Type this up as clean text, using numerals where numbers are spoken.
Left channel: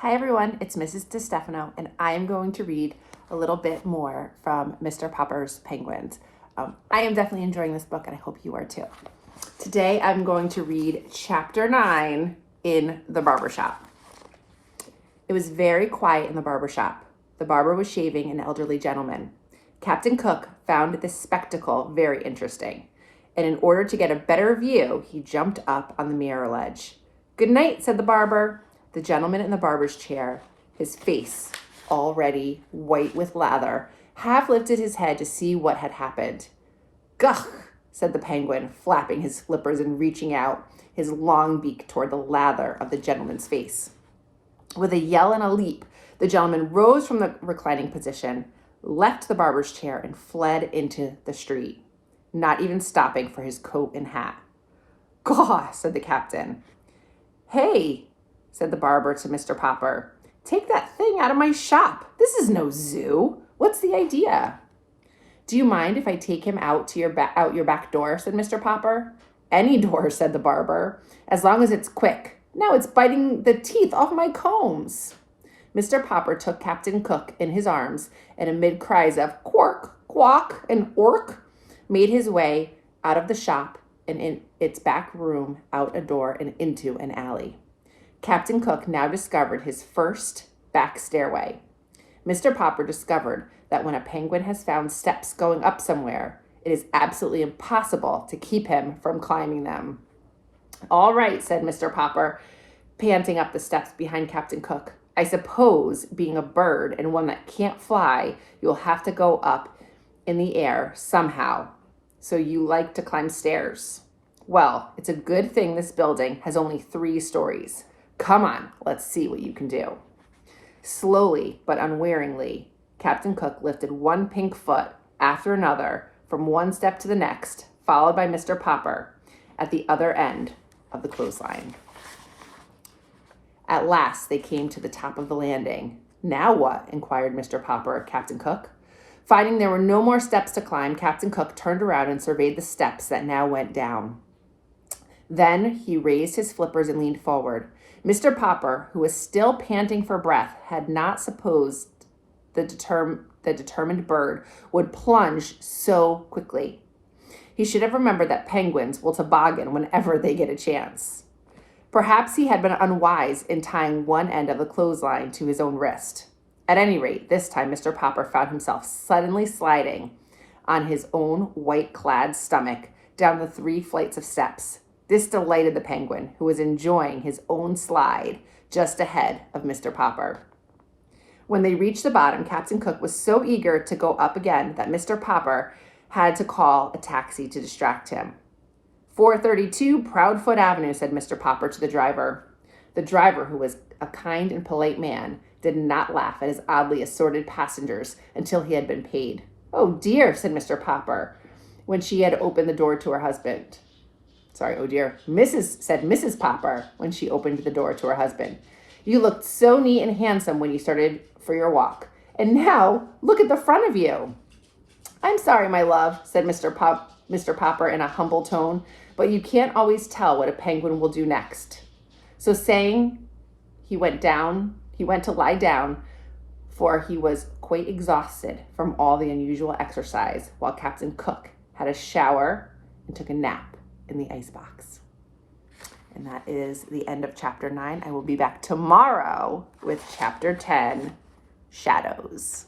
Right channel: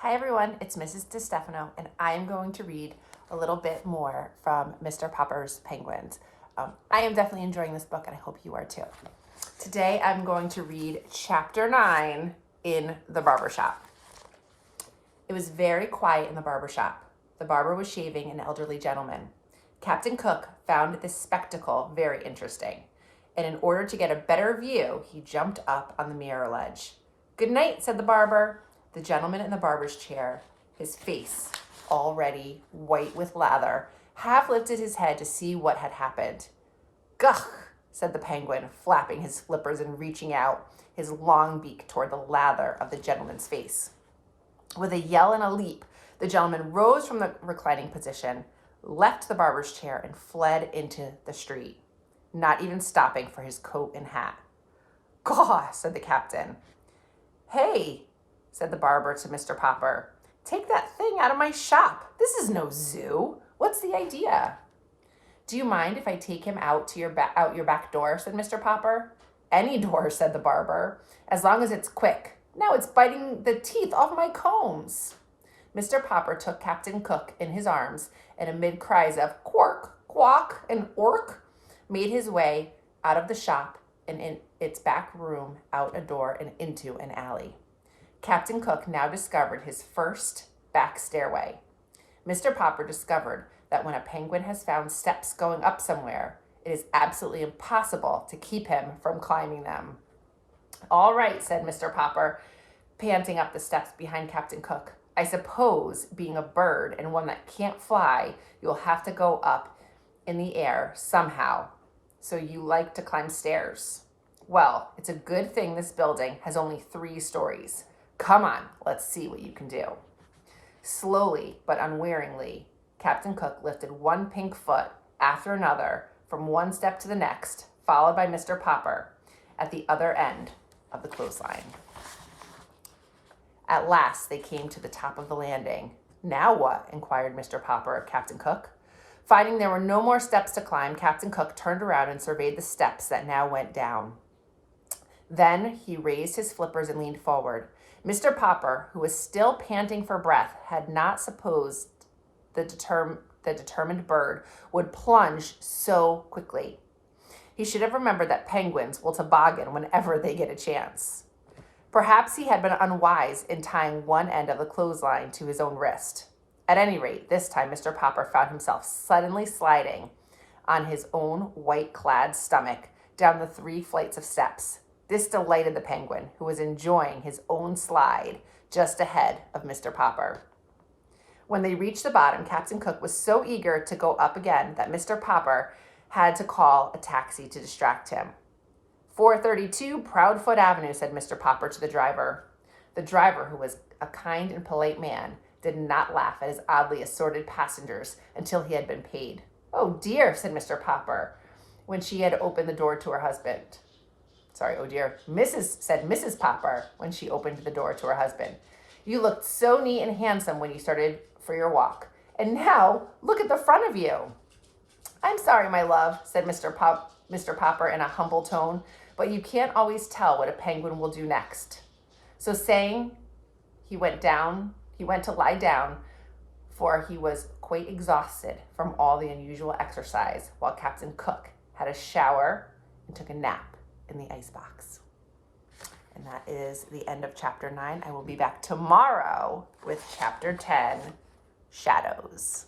Hi everyone, it's Mrs. DiStefano, and I am going to read a little bit more from Mr. Popper's Penguins. I am definitely enjoying this book, and I hope you are too. Today I'm going to read chapter 9 in the barbershop. It was very quiet in the barbershop. The barber was shaving an elderly gentleman. Captain Cook found this spectacle very interesting, and in order to get a better view, he jumped up on the mirror ledge. "Good night," said the barber. The gentleman in the barber's chair, his face already white with lather, half lifted his head to see what had happened. "Gugh," said the penguin, flapping his flippers and reaching out his long beak toward the lather of the gentleman's face. With a yell and a leap, the gentleman rose from the reclining position, left the barber's chair, and fled into the street, not even stopping for his coat and hat. "Gaw," said the captain. "Hey," said the barber to Mr. Popper, "take that thing out of my shop. This is no zoo. What's the idea?" "Do you mind if I take him out to your back door?" said Mr. Popper. "Any door," said the barber, "as long as it's quick. Now it's biting the teeth off my combs." Mr. Popper took Captain Cook in his arms, and amid cries of "quark, quack," and "ork," made his way out of the shop and in its back room, out a door, and into an alley. Captain Cook now discovered his first back stairway. Mr. Popper discovered that when a penguin has found steps going up somewhere, it is absolutely impossible to keep him from climbing them. "All right," said Mr. Popper, panting up the steps behind Captain Cook. "I suppose, being a bird and one that can't fly, you'll have to go up in the air somehow. So you like to climb stairs? Well, it's a good thing this building has only 3 stories. Come on, let's see what you can do." Slowly but unwearingly, Captain Cook lifted one pink foot after another from one step to the next, followed by Mr. Popper at the other end of the clothesline. At last, they came to the top of the landing. "Now what?" inquired Mr. Popper of Captain Cook. Finding there were no more steps to climb, Captain Cook turned around and surveyed the steps that now went down. Then he raised his flippers and leaned forward. Mr. Popper, who was still panting for breath, had not supposed the determined bird would plunge so quickly. He should have remembered that penguins will toboggan whenever they get a chance. Perhaps he had been unwise in tying one end of the clothesline to his own wrist. At any rate, this time Mr. Popper found himself suddenly sliding on his own white-clad stomach down the 3 flights of steps. This delighted the penguin, who was enjoying his own slide just ahead of Mr. Popper. When they reached the bottom, Captain Cook was so eager to go up again that Mr. Popper had to call a taxi to distract him. "432 Proudfoot Avenue," said Mr. Popper to the driver. The driver, who was a kind and polite man, did not laugh at his oddly assorted passengers until he had been paid. "Oh dear," said Mr. Popper, when she had opened the door to her husband. "Oh dear, said Mrs. Popper when she opened the door to her husband. "You looked so neat and handsome when you started for your walk. And now, look at the front of you." "I'm sorry, my love," said Mr. Popper in a humble tone, "but you can't always tell what a penguin will do next." So saying, he went to lie down, for he was quite exhausted from all the unusual exercise, while Captain Cook had a shower and took a nap in the icebox. And that is the end of chapter 9. I will be back tomorrow with chapter 10, Shadows.